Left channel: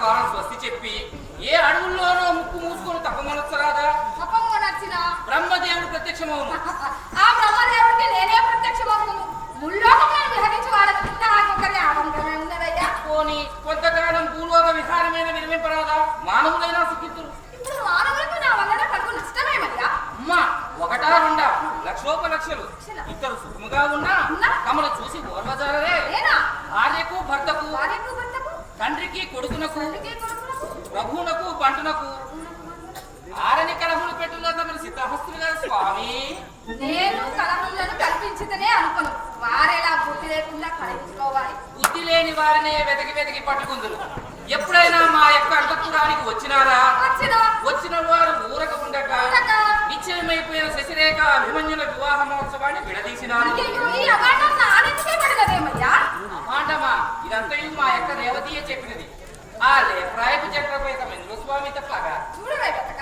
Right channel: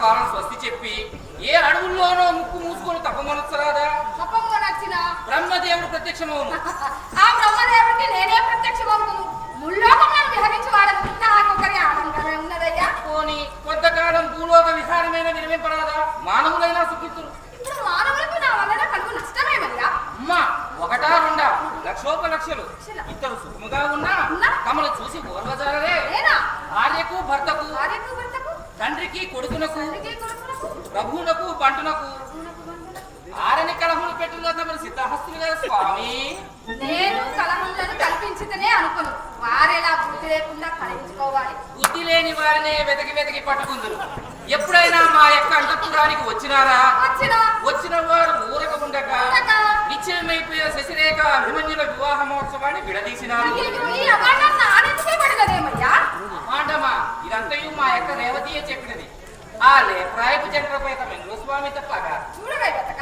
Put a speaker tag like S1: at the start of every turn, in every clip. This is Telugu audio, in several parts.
S1: ప్రకారం స్వస్తి చెప్పి ఏ అడవుల్లోనో ముక్కు మూసుకొని తప్పమనొచ్చరాదా?
S2: తప్పంగా నచ్చిన
S1: బ్రహ్మదేవుడు ప్రత్యక్షమవును.
S2: ఆ బ్రహ్మదేవుడికి నేనే ప్రత్యక్షమవుతును ముల్లోకములను విహరించి వాడకుండా ఆకొకరి ఆడంగానే ఉన్నదయ్యా.
S1: పోని కొంతకాలం భూలోక విహారమైన విరమింపరాదా? మానవులైనా సుఖితురు
S2: ఇప్పుడు మానవులకు నా వలన కలుగు నష్టమేమయ్యా?
S1: అమ్మా ఒకటా రెండా? లక్షోపలక్షలు. ఇద్దరు సుఖముగా ఉన్నా
S2: ఉన్నా?
S1: తమను చూసి ఓర్వజాలరే. తండ్రికి కొడుకునకు ప్రభువునకు బంటునకు ఆరని కలహులు పెట్టులో తమను సిద్ధహస్తులుగా స్వామి.
S2: నేను కలహములను కల్పించితేనే అనుకును. వారెలా బుద్ధి లేకుండా కలగించుకోవాలి
S1: బుద్ధి లేని వారినే వెతికి వెతికి పట్టుకుందురు. ఎప్పుడైనా మా యొక్క అంతఃపురానికి వచ్చినారా?
S2: వచ్చిన.
S1: వారు ఊరక ఉండక. నిశ్చయమైపోయిన శశిరేఖ అభిమన్యుల వివాహ మహోత్సవాన్ని విడదీసినారు. మాటమా ఇదంతయు మా యొక్క రేవతియే చెప్పినది. ఆ లేప్రాయపు చక్రపై తమ స్వామి తప్పగా.
S2: చూడవే బతక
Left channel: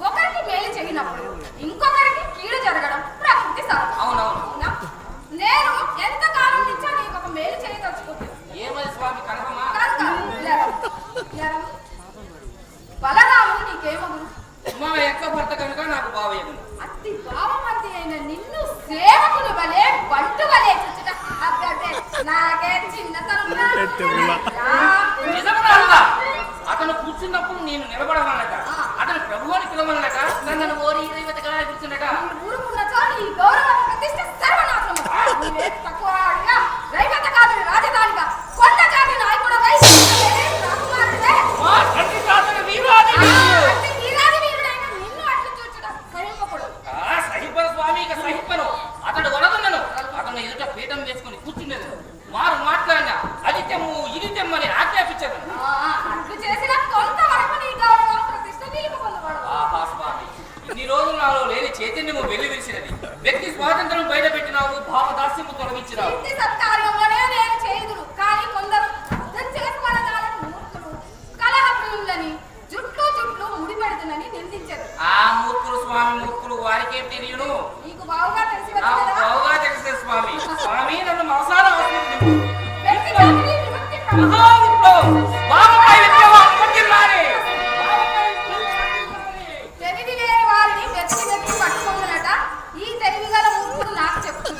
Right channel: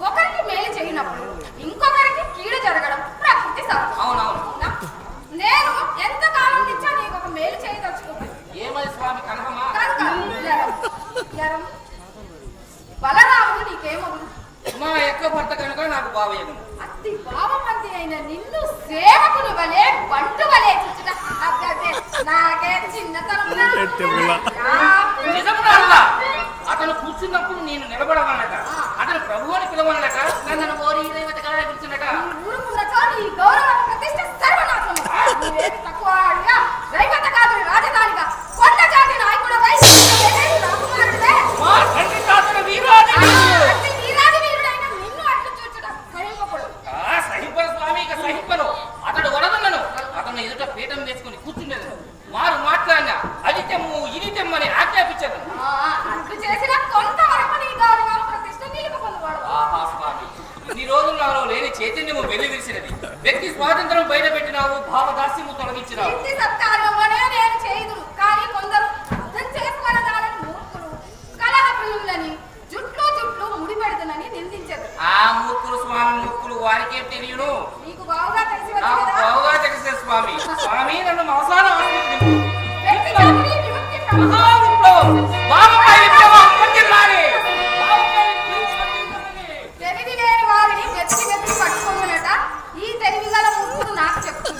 S2: ఒకరికి మేలు చేయనప్పుడు ఇంకొకరికి కీడు జరగడం ప్రకృతి సహజం
S1: అవునవును.
S2: అవునా? నేను ఎంత కాలం నుంచో నీకు ఒక మేలు చేయదలుచుకుంటున్నాను.
S1: ఏమది స్వామి.
S2: లరం. బలరాముడు నీకేమవును
S1: మా యొక్క భర్త కనుక నాకు బావయ్యను.
S2: అతి భావమంతి అయిన నిన్ను సేవకులు వలె బంటు వలె నాకే
S1: అతను కూర్చున్నప్పుడు నేను నిలబడవన్నట అతను ప్రభు అని పిలవనట నన్ను ఓరి కూర్చున్నట
S2: ముడి పెడుతునని నిందించదు
S1: ఆ మూర్ఖులు స్వామి మూర్ఖులు వారికే తెలియను.
S2: నీకు బావుగా తెలిసి వచ్చి
S1: నాకు
S2: కదా?
S1: బావుగా తెలిసే స్వామి. స్వామి నన్ను మనసాన